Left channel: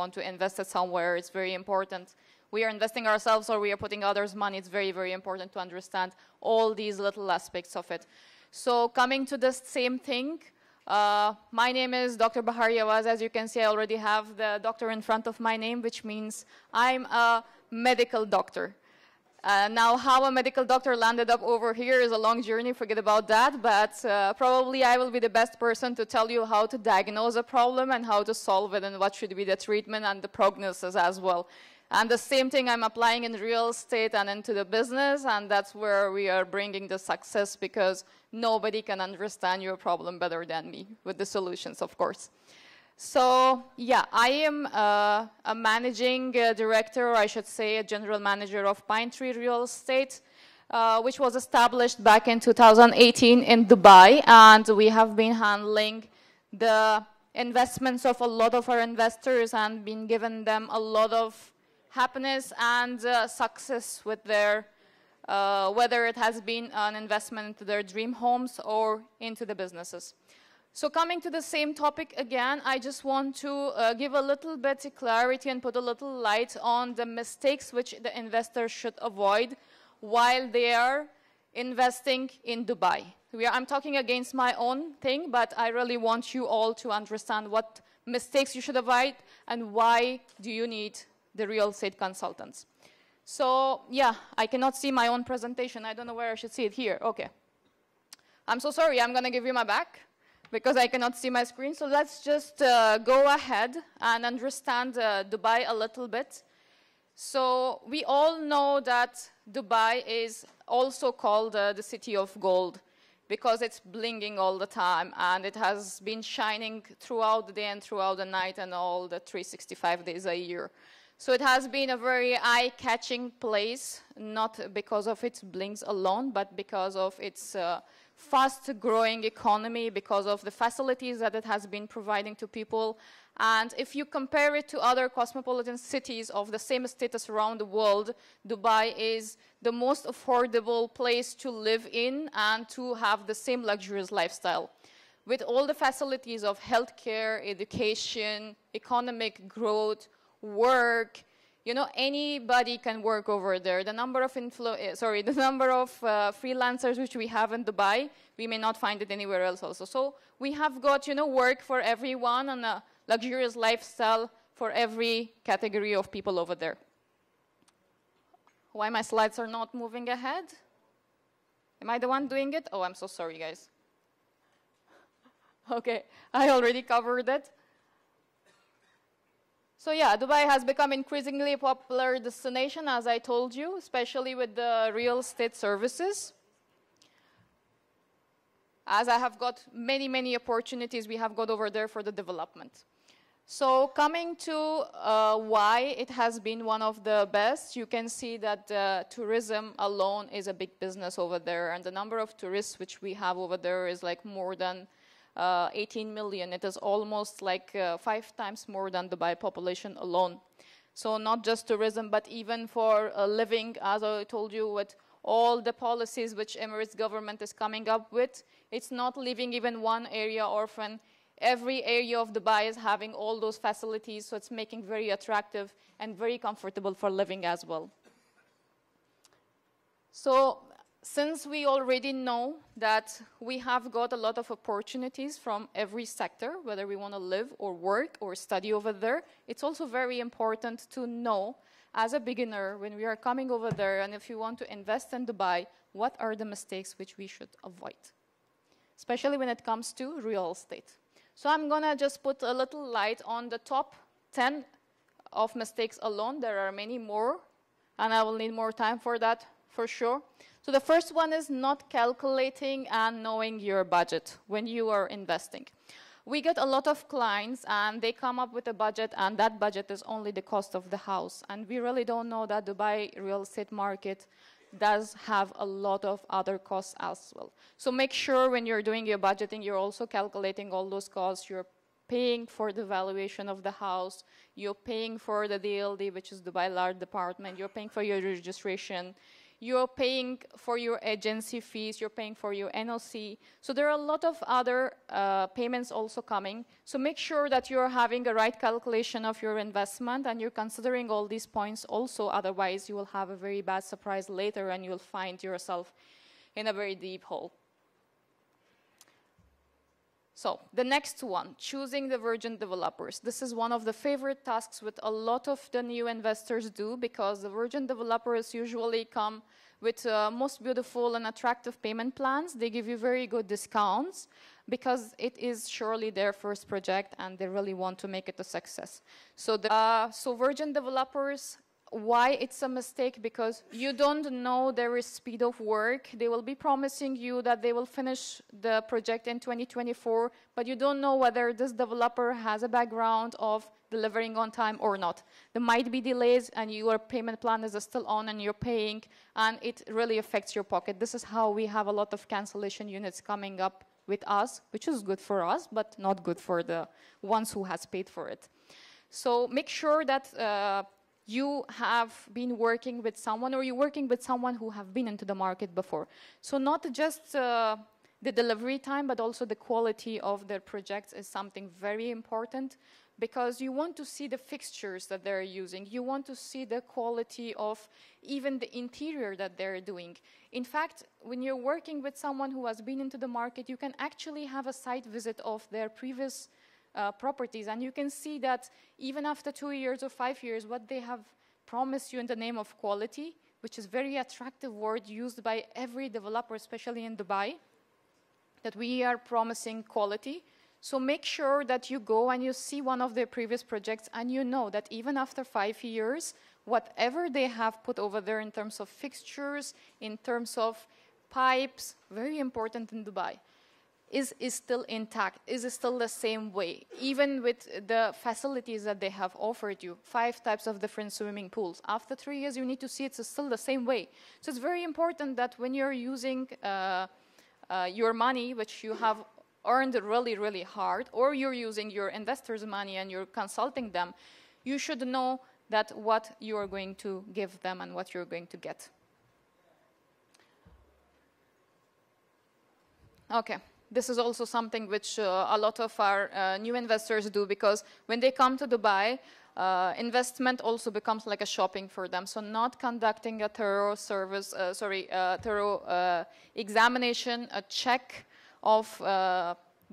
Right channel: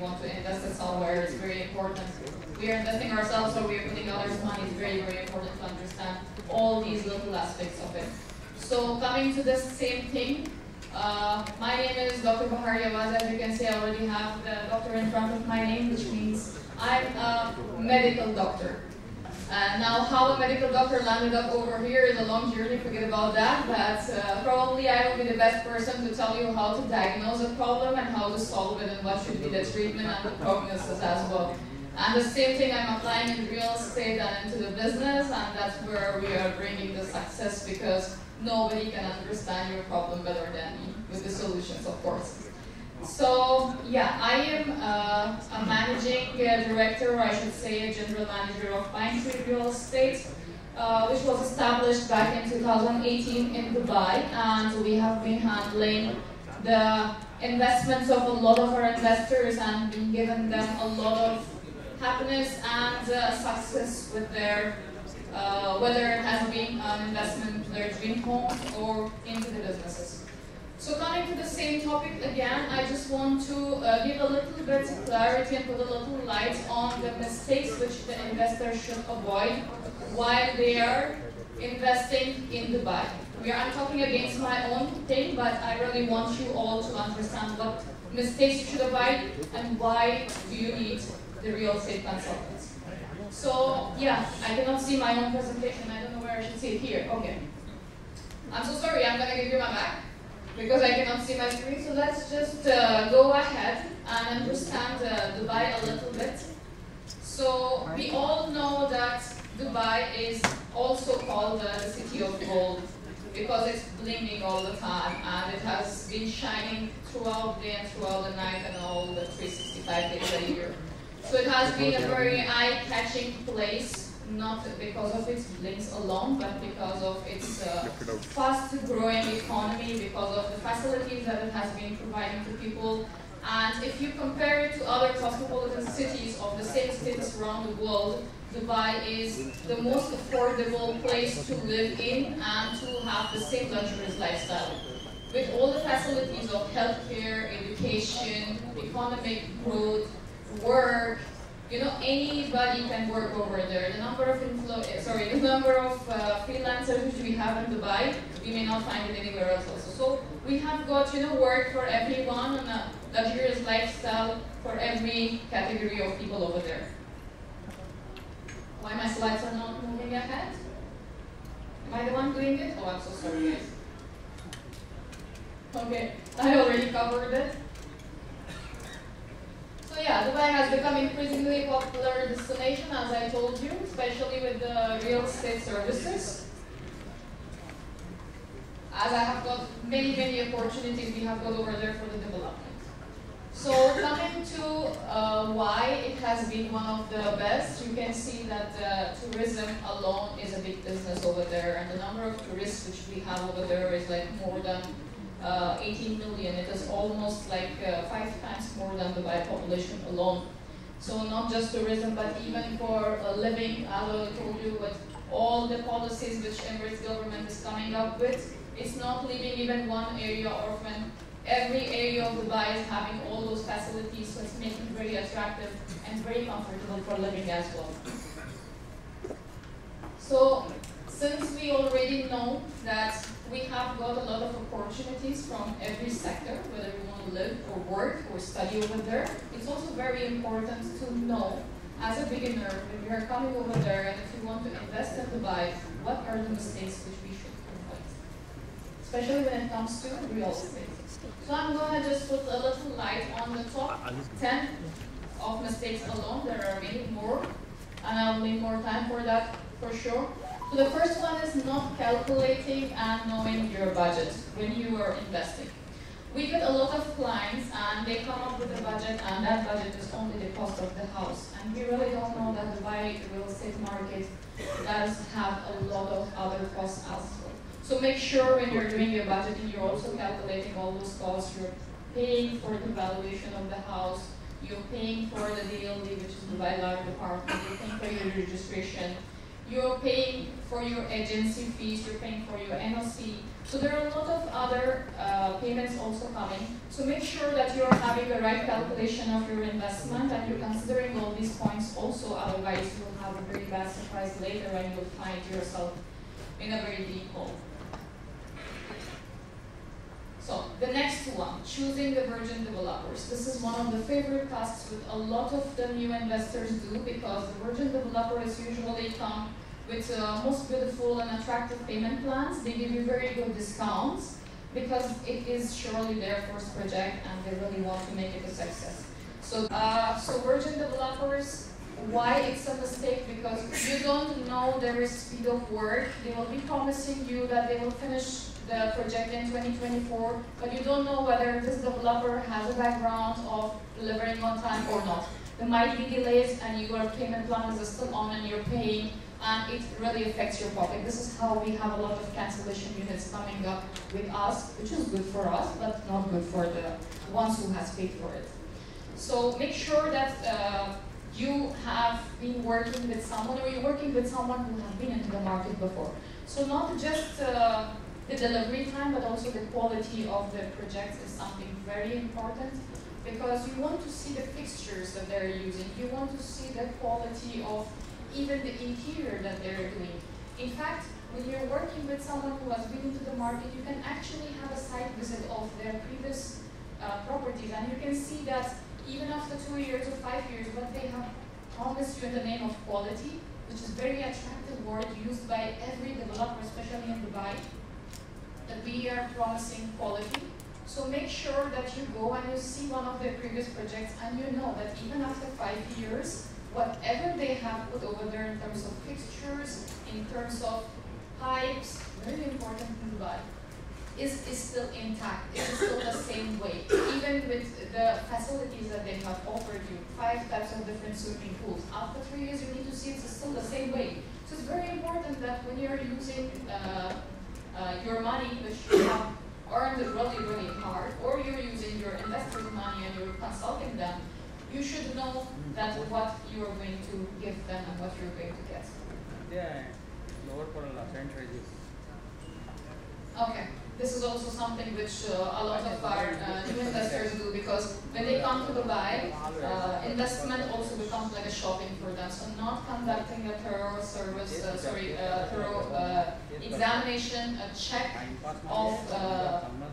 want to invest it somewhere, it's very important. We are investing ourselves or we are putting others' money, it's very, very important to understand all these little aspects of it. So coming to the same thing, my name is Dr. Bahar Yawazy. As you can see, I already have the doctor in front of my name, which means I'm a medical doctor. Now, how a medical doctor landed up over here is a long journey, forget about that, but probably I will be the best person to tell you how to diagnose a problem and how to solve it and what should be the treatment and the prognosis as well. And the same thing I'm applying in real estate and into the business, and that's where we are bringing the success, because nobody can understand your problem better than me, with the solutions, of course. So, yeah, I am a managing director, or I should say a general manager of Pine Tree Real Estate, which was established back in 2018 in Dubai, and we have been handling the investments of a lot of our investors and been giving them a lot of happiness and success with their, whether it has been an investment into their dream homes or into the businesses. So coming to the same topic again, I just want to give a little bit clarity and put a little light on the mistakes which the investors should avoid while they are investing in Dubai. I'm talking against my own thing, but I really want you all to understand what mistakes you should avoid and why do you need the real estate consultants. So yeah, I cannot see my own presentation. I don't know where I should see it here. Okay. I'm so sorry, I'm going to give you my back because I cannot see my screen. So let's just go ahead and understand Dubai a little bit. So we all know that Dubai is also called the city of gold because it's blinging all the time and it has been shining throughout the day and throughout the night and all the 365 days a year. So it has been a very eye-catching place, not because of its blinks alone, but because of its fast-growing economy, because of the facilities that it has been providing to people. And if you compare it to other cosmopolitan cities of the same status around the world, Dubai is the most affordable place to live in and to have the same luxurious lifestyle. With all the facilities of healthcare, education, economic growth, work, you know, anybody can work over there. The number of freelancers which we have in Dubai, we may not find it anywhere else also. So we have got, you know, work for everyone and a luxurious lifestyle for every category of people over there. Why my slides are not moving ahead? Am I the one doing it? Oh, I'm so sorry, guys. Okay, I already covered it. So yeah, Dubai has become increasingly popular destination, as I told you, especially with the real estate services. As I have got many opportunities we have got over there for the development. So coming to why it has been one of the best, you can see that tourism alone is a big business over there, and the number of tourists which we have over there is like more than 18 million. It is almost like 5 times more than the Dubai population alone. So not just tourism, but even for living, as I told you, with all the policies which Emirates government is coming up with, it's not leaving even one area orphan. Every area of Dubai is having all those facilities, so it's making it very attractive and very comfortable for living as well. So since we already know that we have got a lot of opportunities from every sector, whether we want to live or work or study over there, it's also very important to know, as a beginner, when we are coming over there and if we want to invest in Dubai, what are the mistakes which we should avoid, especially when it comes to real estate. So I'm going to just put a little light on the top 10 of mistakes alone. There are many more, and I will need more time for that for sure. So the first one is not calculating and knowing your budget when you are investing. We get a lot of clients and they come up with a budget, and that budget is only the cost of the house. And we really don't know that Dubai real estate market does have a lot of other costs as well. So make sure when you're doing your budgeting, you're also calculating all those costs. You're paying for the valuation of the house. You're paying for the DLD, which is Dubai Large Department. You're paying for your registration. You're paying for your agency fees, you're paying for your NOC. So there are a lot of other payments also coming. So make sure that you're having the right calculation of your investment and you're considering all these points also, otherwise you will have a very bad surprise later and you will find yourself in a very deep hole. So the next one, choosing the virgin developers. This is one of the favorite tasks with a lot of the new investors do, because the virgin developers usually come with most beautiful and attractive payment plans. They give you very good discounts because it is surely their first project and they really want to make it a success. So, so virgin developers, why it's a mistake? Because you don't know their speed of work. They will be promising you that they will finish the project in 2024, but you don't know whether this developer has a background of delivering on time or not. There might be delays and your payment plan is still on and you're paying, and it really affects your pocket. This is how we have a lot of cancellation units coming up with us, which is good for us, but not good for the ones who has paid for it. So make sure that you have been working with someone, or you're working with someone who have been into the market before. So not just the delivery time, but also the quality of the projects is something very important, because you want to see the fixtures that they're using. You want to see the quality of even the interior that they're doing. In fact, when you're working with someone who has been into the market, you can actually have a site visit of their previous properties, and you can see that even after 2 years or 5 years, what they have promised you in the name of quality, which is very attractive word used by every developer, especially in Dubai, that we are promising quality. So make sure that you go and you see one of their previous projects and you know that even after 5 years, whatever they have put over there in terms of fixtures, in terms of pipes, very important in Dubai, is still intact, is still the same way. Even with the facilities that they have offered you, 5 types of different swimming pools. After 3 years, you need to see it's still the same way. So it's very important that when you're using your money, which you have earned really, really hard, or you're using your investors' money and you're consulting them, you should know that what you are going to give them and what you're going to get. Okay, this is also something which a lot of our new investors do, because when they come to Dubai, investment also becomes like a shopping for them. So not conducting a thorough service, thorough examination, a check of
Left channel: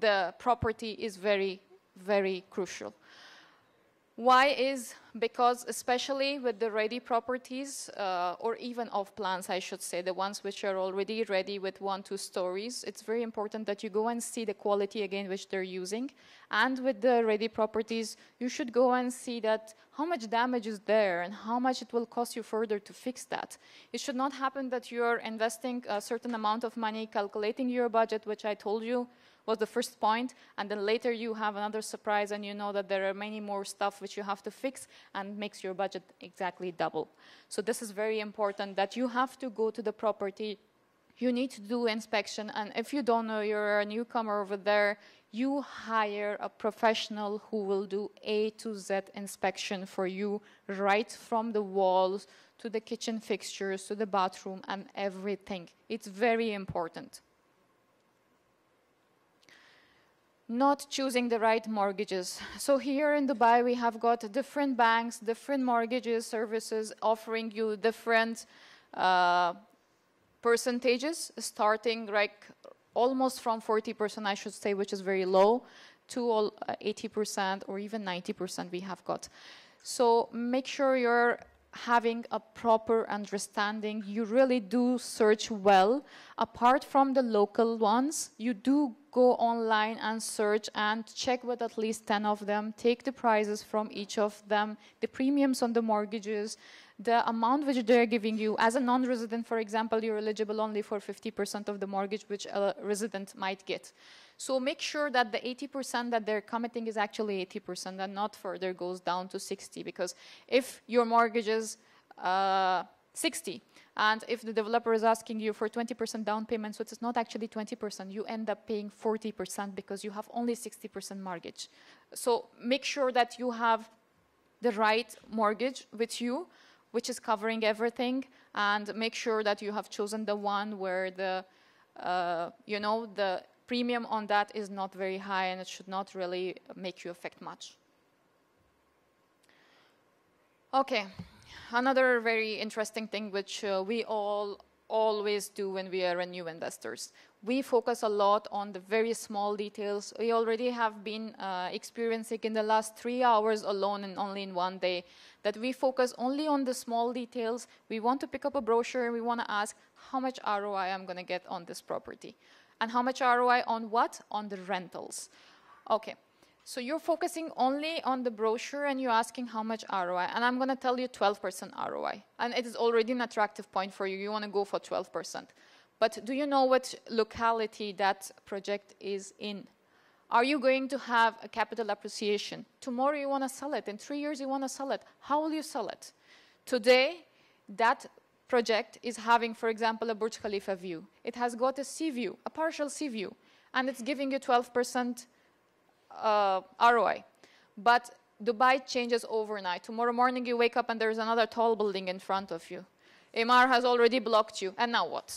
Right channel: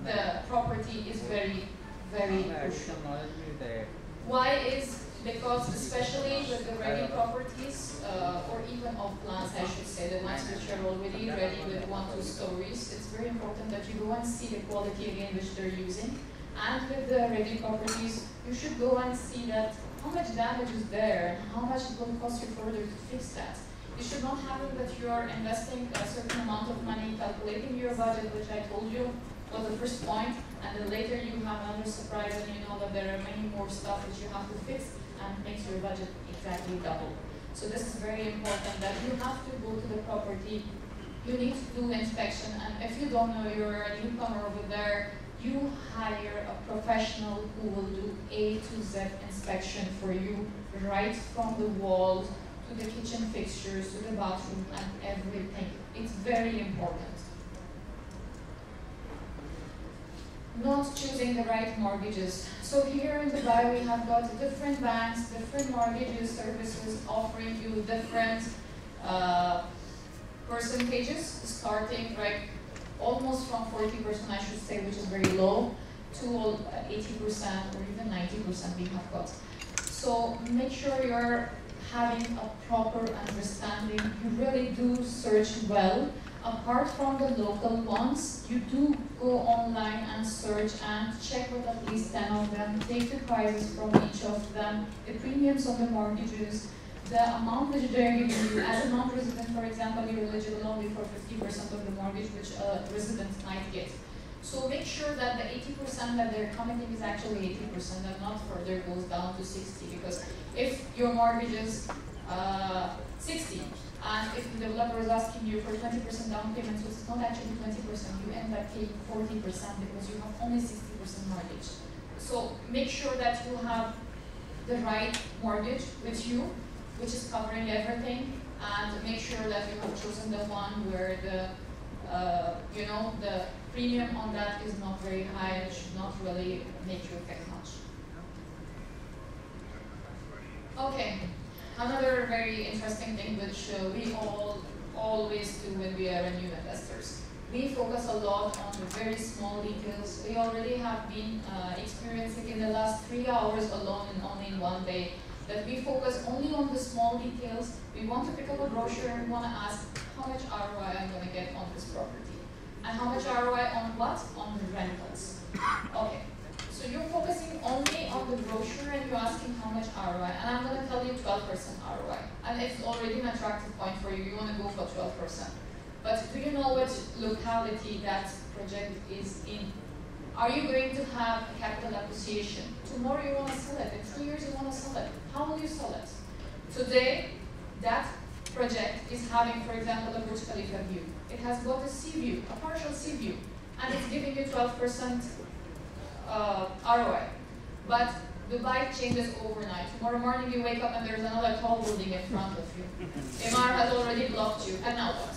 the property is very, very crucial. Why is? Because especially with the ready properties, or even off plans, I should say, the ones which are already ready with 1-2 stories, it's very important that you go and see the quality again which they're using. And with the ready properties, you should go and see that how much damage is there and how much it will cost you further to fix that. It should not happen that you're investing a certain amount of money, calculating your budget, which I told you was the first point, and then later you have another surprise and you know that there are many more stuff which you have to fix, and it makes your budget exactly double. So this is very important, that you have to go to the property, you need to do inspection, and if you don't know, you're a newcomer over there, you hire a professional who will do A to Z inspection for you, right from the walls to the kitchen fixtures to the bathroom and everything. It's very important. Not choosing the right mortgages. So here in Dubai we have got different banks, different mortgages services offering you different percentages, starting right almost from 40%, I should say, which is very low, to 80% or even 90% we have got. So make sure you're having a proper understanding. You really do search well. Apart from the local ones, you do go online and search and check with at least 10 of them, take the prices from each of them, the premiums on the mortgages, the amount which they're giving you. As a non-resident, for example, you're eligible only for 50% of the mortgage which a resident might get. So make sure that the 80% that they're committing is actually 80% and not further goes down to 60, because if your mortgage is 60, and if the developer is asking you for 20% down payment, so it's not actually 20%, you end up paying 40% because you have only 60% mortgage. So make sure that you have the right mortgage with you, which is covering everything, and make sure that you have chosen the one where the premium on that is not very high and it should not really make you affect much. Okay, another very interesting thing which we all always do when we are new investors. We focus a lot on the very small details. We already have been experiencing in the last 3 hours alone and only in one day that we focus only on the small details. We want to pick up a brochure, we want to ask how much ROI I'm going to get on this property. And how much ROI on what? On the rentals. Okay, so you're focusing only on the brochure and you're asking how much ROI. And I'm going to tell you 12% ROI. And it's already an attractive point for you. You want to go for 12%. But do you know what locality that project is in? Are you going to have a capital appreciation? Tomorrow you want to sell it. In 3 years you want to sell it. How will you sell it? Today, that project is having, for example, a Burj Khalifa view. It has got a sea view, a partial sea view, and it's giving you 12% ROI. But Dubai changes overnight. Tomorrow morning you wake up and there's another tall building in front of you. Emaar has already blocked you, and now what?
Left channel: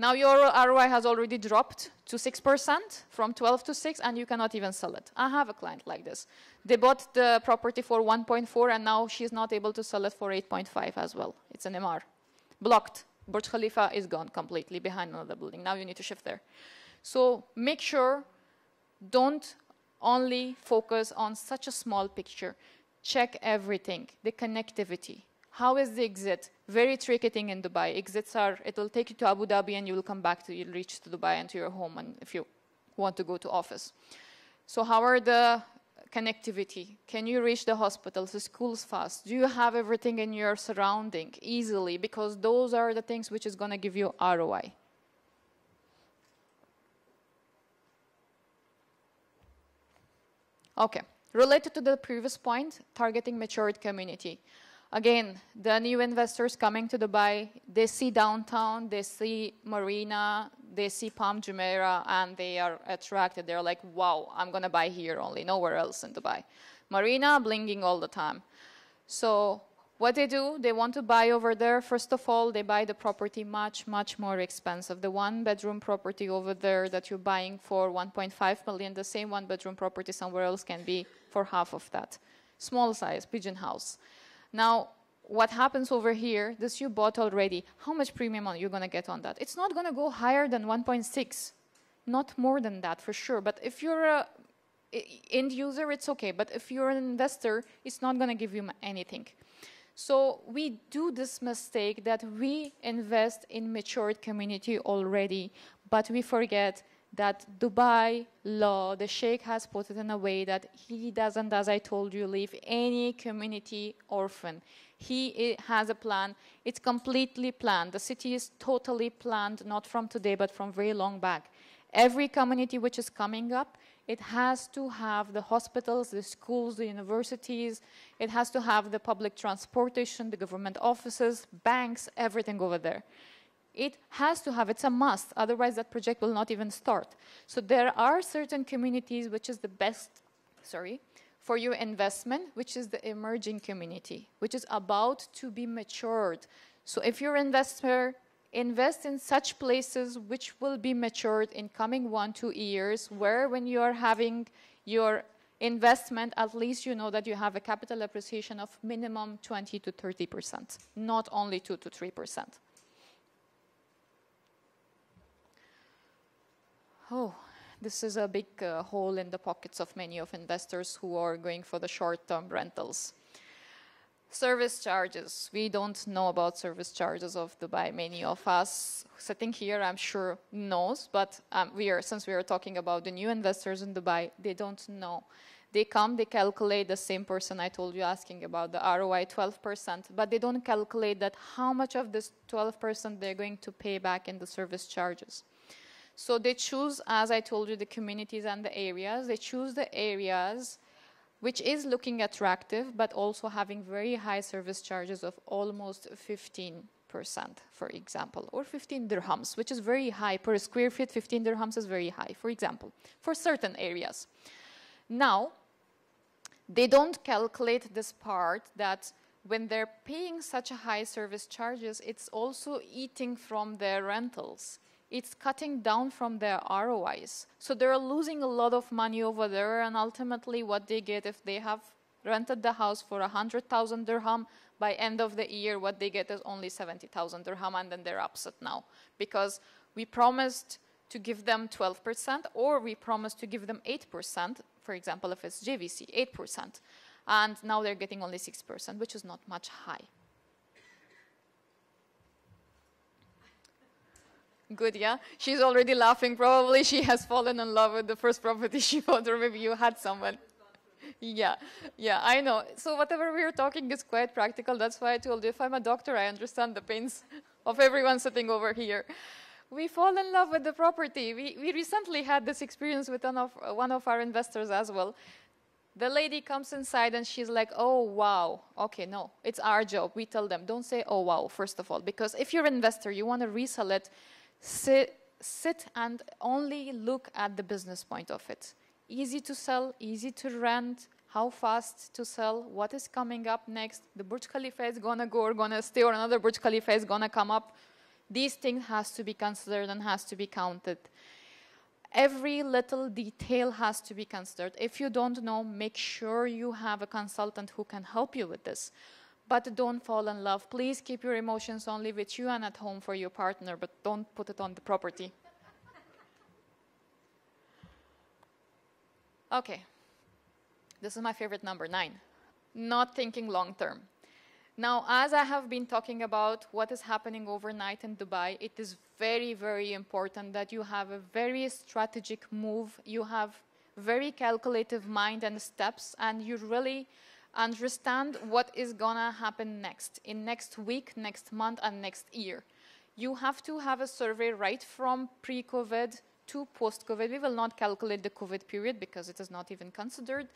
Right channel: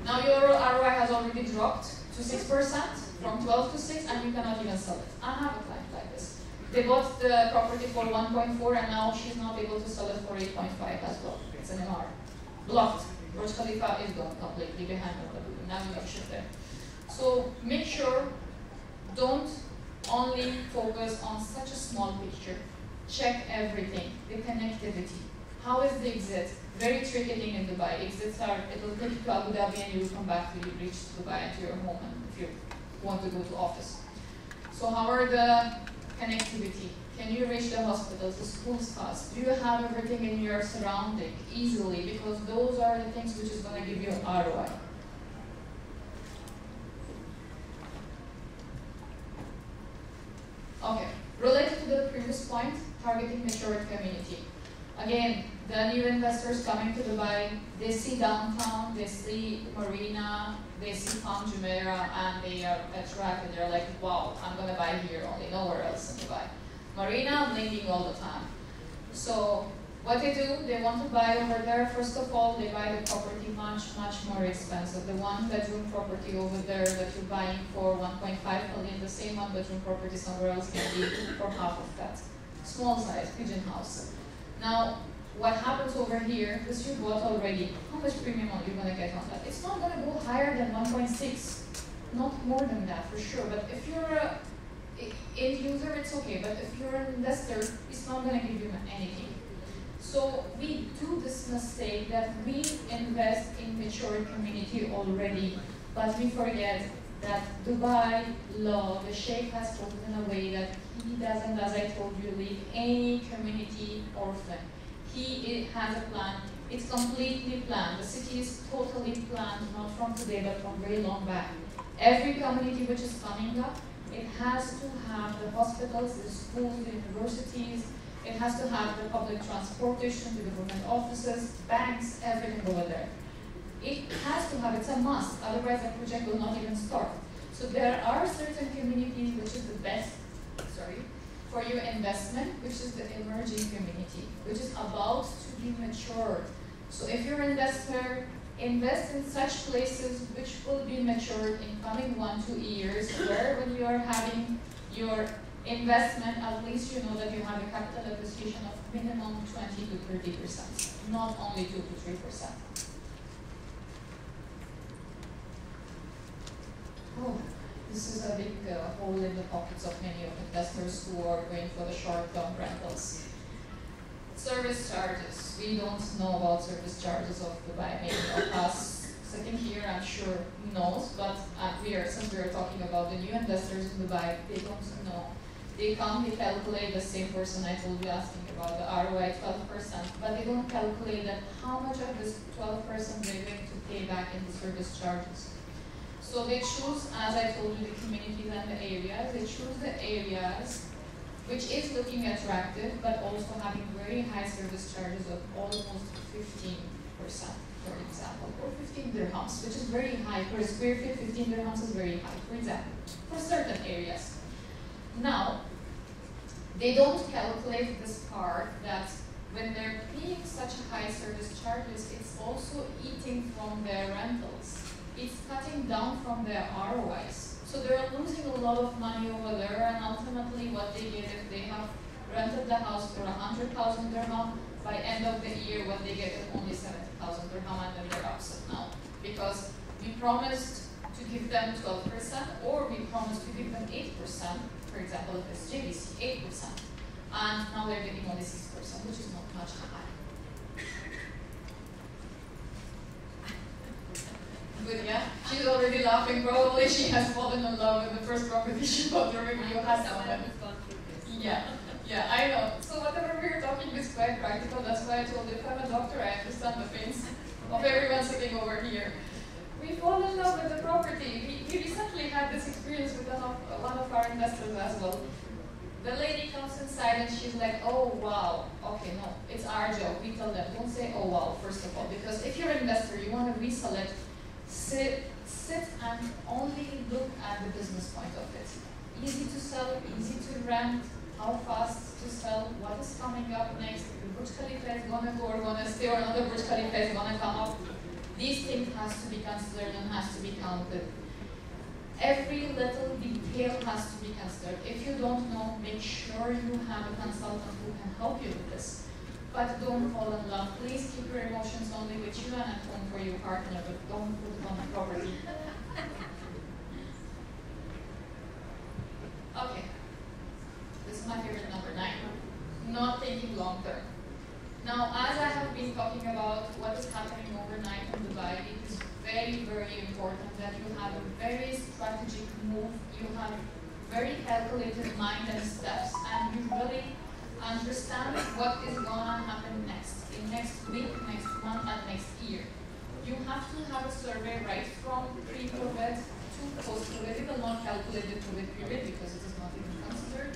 Now your ROI has already dropped to 6%, from 12 to 6, and you cannot even sell it. I have a client like this. They bought the property for 1.4, and now she's not able to sell it for 8.5 as well. It's an Emaar. Blocked. Burj Khalifa is gone completely behind another building. Now you need to shift there. So make sure, don't only focus on such a small picture. Check everything, the connectivity. How is the exit? Very tricky thing in Dubai. Exits are, it will take you to Abu Dhabi and you will come back to you reach Dubai and to your home if you want to go to office. So how are the connectivity? Can you reach the hospitals, the schools fast? Do you have everything in your surrounding easily? Because those are the things which is going to give you ROI. Okay, related to the previous point, targeting matured community. Again, the new investors coming to Dubai, they see downtown, they see Marina, they see Palm Jumeirah, and they are attracted. They're like, wow, I'm going to buy here only, nowhere else in Dubai. Marina, blinking all the time. So what they do, they want to buy over there. First of all, they buy the property much, much more expensive. The one-bedroom property over there that you're buying for 1.5 million, the same one-bedroom property somewhere else can be for half of that. Small size, pigeon house. Now, what happens over here, this you bought already, how much premium are you going to get on that? It's not going to go higher than 1.6, not more than that for sure. But if you're an end user, it's okay. But if you're an investor, it's not going to give you anything. So we do this mistake that we invest in matured community already, but we forget that Dubai law, the Sheikh has put it in a way that he doesn't, as I told you, leave any community orphan. He has a plan. It's completely planned. The city is totally planned, not from today, but from very long back. Every community which is coming up, it has to have the hospitals, the schools, the universities. It has to have the public transportation, the government offices, banks, everything over there. It has to have, it's a must, otherwise the project will not even start. So there are certain communities which is the best, for your investment, which is the emerging community, which is about to be matured. So if you're an investor, invest in such places which will be matured in coming 1-2 years, where when you are having your investment, at least you know that you have a capital appreciation of minimum 20 to 30%, not only 2 to 3%. Oh, this is a big hole in the pockets of many of investors who are going for the short-term rentals. Service charges. We don't know about service charges of Dubai. Many of us sitting here, I'm sure, knows, but since we are talking about the new investors in Dubai, they don't know. They come, they calculate the same person I told you asking about the ROI 12%, but they don't calculate that how much of this 12% they're going to pay back in the service charges. So they choose, as I told you, the communities and the areas. They choose the areas which is looking attractive, but also having very high service charges of almost 15%, for example, or 15 dirhams, which is very high. For a square feet, 15 dirhams is very high, for example, for certain areas. Now, they don't calculate this part that when they're paying such high service charges, it's also eating from their rentals. It's cutting down from their ROIs. So they're losing a lot of money over there, and ultimately what they get if they have rented the house for 100,000 dirham, by end of the year what they get is only 70,000 dirham, and then they're upset now. Because we promised to give them 12%, or we promised to give them 8%, for example, if it's JVC, 8%. And now they're getting only 6%, which is not much high. Good, yeah? She's already laughing. Probably she has fallen in love with the first property she bought, or maybe you had someone. Yeah, I know. So whatever we're talking is quite practical. That's why I told you, if I'm a doctor, I understand the pains of everyone sitting over here. We fall in love with the property. We recently had this experience with one of our investors as well. The lady comes inside and she's like, oh, wow. Okay, no, it's our job. We tell them, don't say, oh, wow, first of all. Because if you're an investor, you want to resell it, sit and only look at the business point of it. Easy to sell, easy to rent, how fast to sell, what is coming up next. The Burj Khalifa is going to go or going to stay, or another Burj Khalifa is going to come up. These things has to be considered and has to be counted. Every little detail has to be considered. If you don't know, make sure you have a consultant who can help you with this. But don't fall in love. Please keep your emotions only with you and at home for your partner, but don't put it on the property. Okay. This is my favorite number 9. Not thinking long term. Now, as I have been talking about what is happening overnight in Dubai, it is very, very important that you have a very strategic move, you have very calculative mind and steps, and you really understand what is gonna happen next, in next week, next month, and next year. You have to have a survey right from pre-COVID to post-COVID. We will not calculate the COVID period because it is not even considered.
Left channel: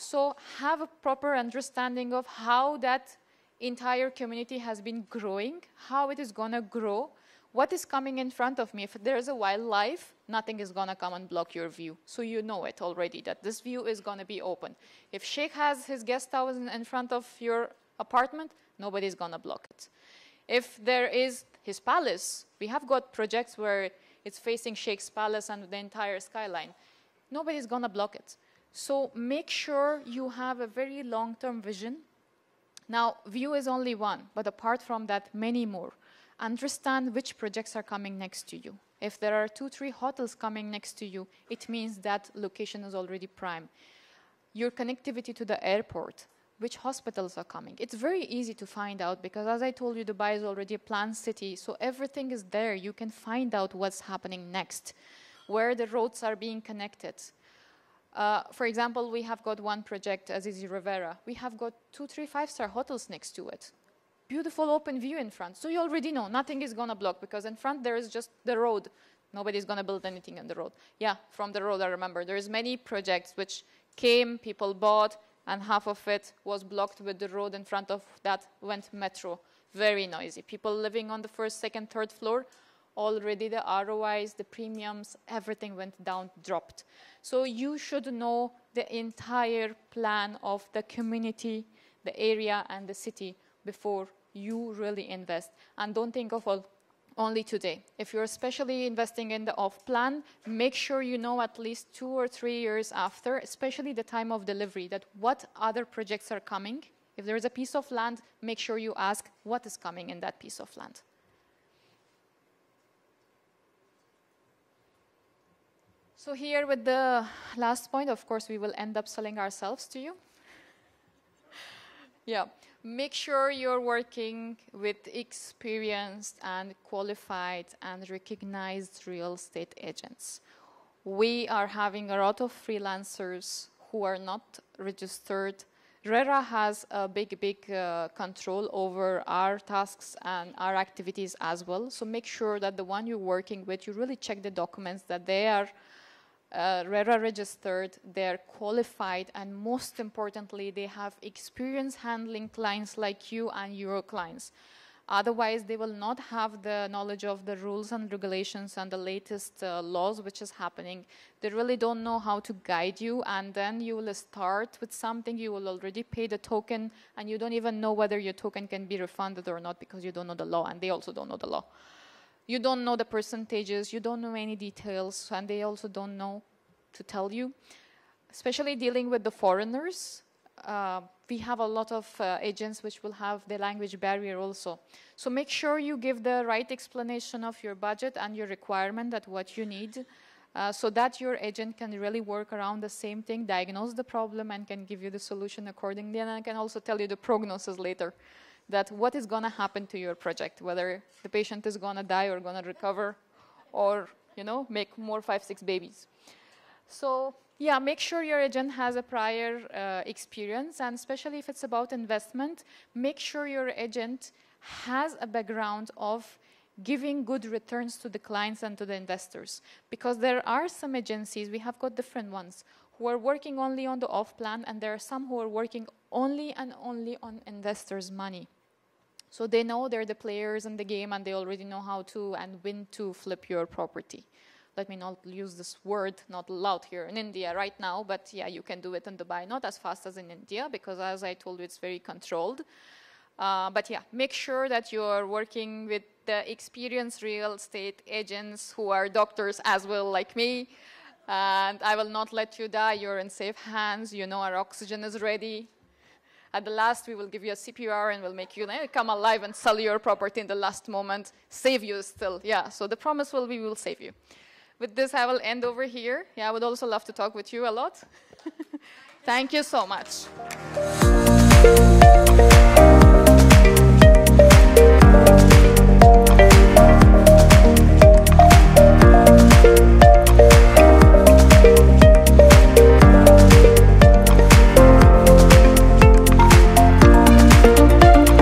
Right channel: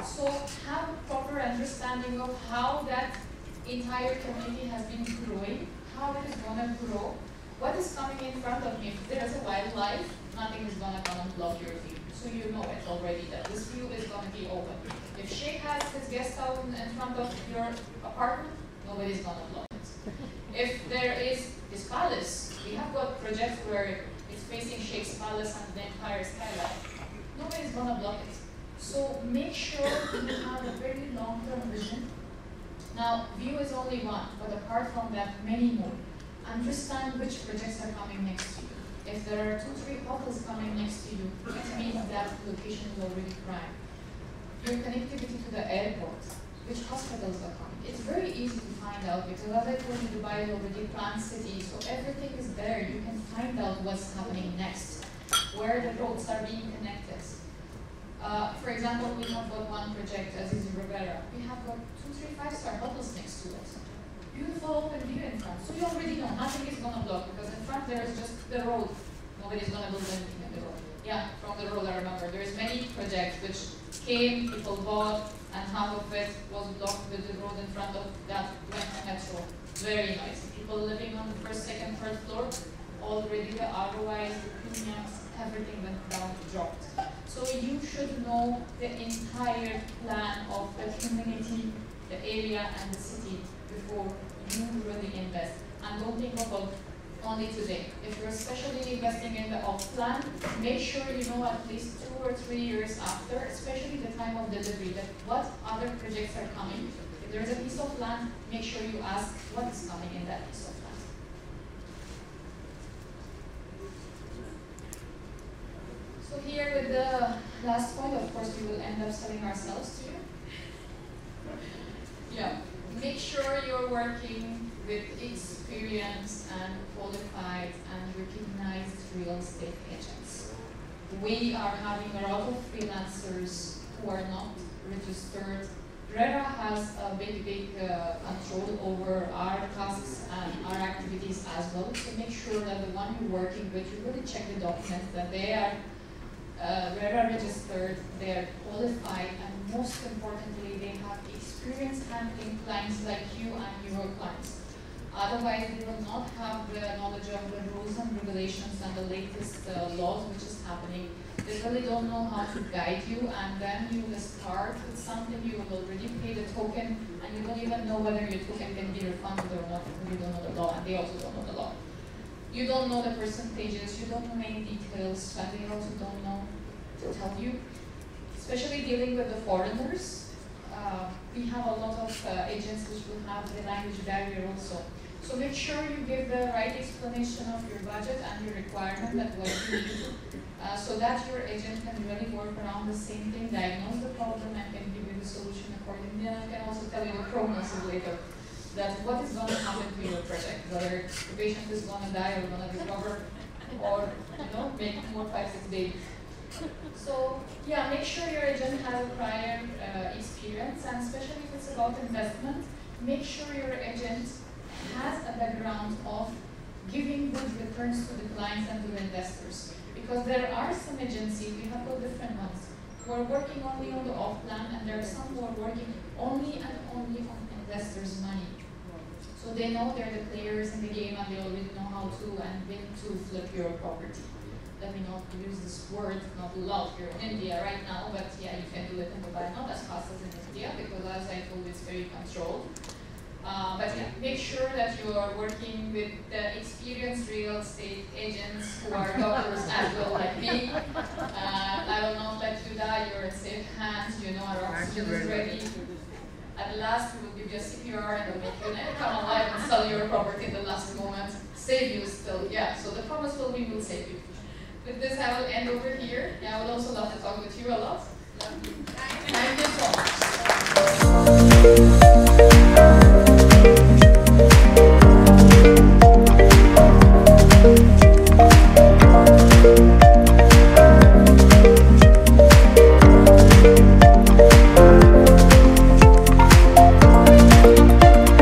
So have a proper understanding of how that entire community has been growing, how it is going to grow, what is coming in front of me. If there is a wildlife, nothing is going to come and block your view. So you know it already, that this view is going to be open. If Sheikh has his guest house in front of your apartment, nobody is going to block it. If there is his palace, we have got projects where it's facing Sheikh's palace and the entire skyline. Nobody is going to block it. So make sure you have a very long-term vision. Now, view is only one, but apart from that, many more. Understand which projects are coming next to you. If there are 2-3 hotels coming next to you, it means that location is already prime. Your connectivity to the airport, which hospitals are coming. It's very easy to find out because, as I told you, Dubai is already a planned city, so everything is there. You can find out what's happening next, where the roads are being connected. For example, we have got one project, Azizi Rivera. We have got 2-3 5-star hotels next to it. Beautiful open view in front. So you already know nothing is going to block because in front there is just the road. Nobody's going to build anything in the road. Yeah, from the road I remember. There is many projects which came, people bought, and half of it was blocked with the road in front of that went metro. Very noisy. People living on the first, second, third floor, already the ROIs, the premiums, everything went down, dropped. So you should know the entire plan of the community, the area, and the city before you really invest. And don't think of only today. If you're especially investing in the off plan, make sure you know at least 2 or 3 years after, especially the time of delivery, that what other projects are coming. If there is a piece of land, make sure you ask what is coming in that piece of land. So here with the last point, of course, we will end up selling ourselves to you. Yeah, make sure you're working with experienced and qualified and recognized real estate agents. We are having a lot of freelancers who are not registered. RERA has a big control over our tasks and our activities as well. So make sure that the one you're working with, you really check the documents, that they are RERA registered, they're qualified, and most importantly, they have experience handling clients like you and your clients. Otherwise, they will not have the knowledge of the rules and regulations and the latest laws which is happening. They really don't know how to guide you, and then you will start with something, you will already pay the token, and you don't even know whether your token can be refunded or not because you don't know the law, and they also don't know the law. You don't know the percentages, you don't know any details, and they also don't know to tell you. Especially dealing with the foreigners, we have a lot of agents which will have the language barrier also. So make sure you give the right explanation of your budget and your requirement and what you need, so that your agent can really work around the same thing, diagnose the problem, and can give you the solution accordingly. And I can also tell you the prognosis later, that what is going to happen to your project, whether the patient is going to die or going to recover, or make more 5-6 babies. So yeah, make sure your agent has a prior experience, and especially if it's about investment, make sure your agent has a background of giving good returns to the clients and to the investors. Because there are some agencies, we have got different ones, who are working only on the off-plan, and there are some who are working only and only on investors' money. So they know they're the players in the game, and they already know how to and when to flip your property. Let me not use this word, not allowed here in India right now, but yeah, you can do it in Dubai, not as fast as in India, because as I told you, it's very controlled. But yeah, make sure that you're working with the experienced real estate agents who are doctors as well, like me. And I will not let you die, you're in safe hands, our oxygen is ready. At the last, we will give you a CPR and we'll make you come alive and sell your property in the last moment, save you still. Yeah, so the promise will be we'll save you. With this, I will end over here. Yeah, I would also love to talk with you a lot. Thank you so much.